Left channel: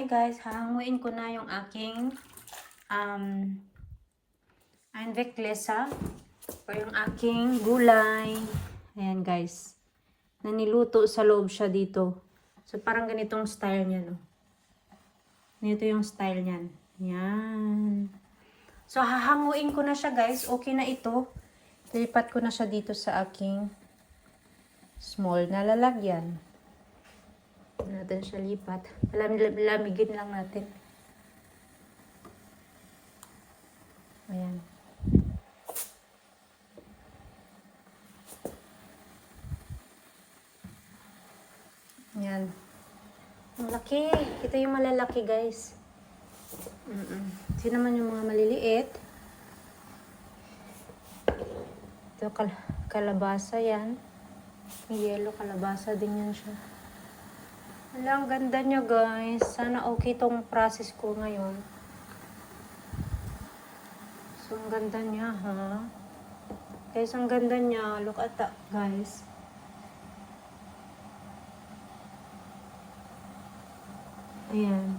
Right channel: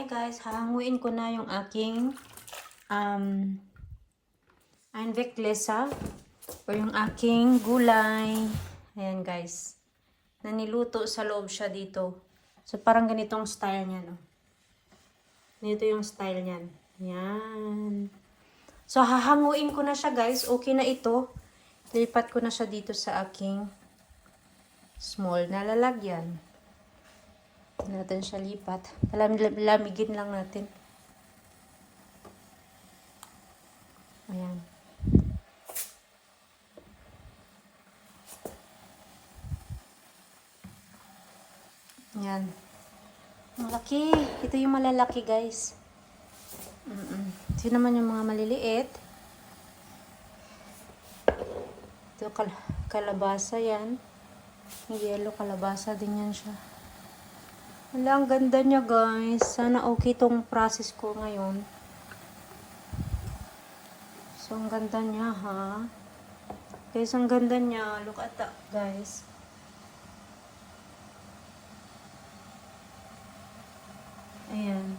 Hi guys, hahanguin ko na yung aking anveklesa o yung aking gulay. Ayan guys. Naniluto sa loob siya dito. So parang ganitong style niya, no? Ganito yung style niyan. Ayan. So hahanguin ko na siya guys. Okay na ito. Lipat ko na siya dito sa aking small na lalagyan. Natin siya lipat. Lamigin lang natin. Ayan. Ayan. Malaki. Ito yung malalaki guys. Ito naman yung mga maliliit. Ito kalabasa yan. Yellow kalabasa din yan siya. Wala, ang ganda niya guys. Sana okay tong process ko ngayon. So, ang ganda niya ha. Guys, ang ganda niya. Look at that guys. Ayan.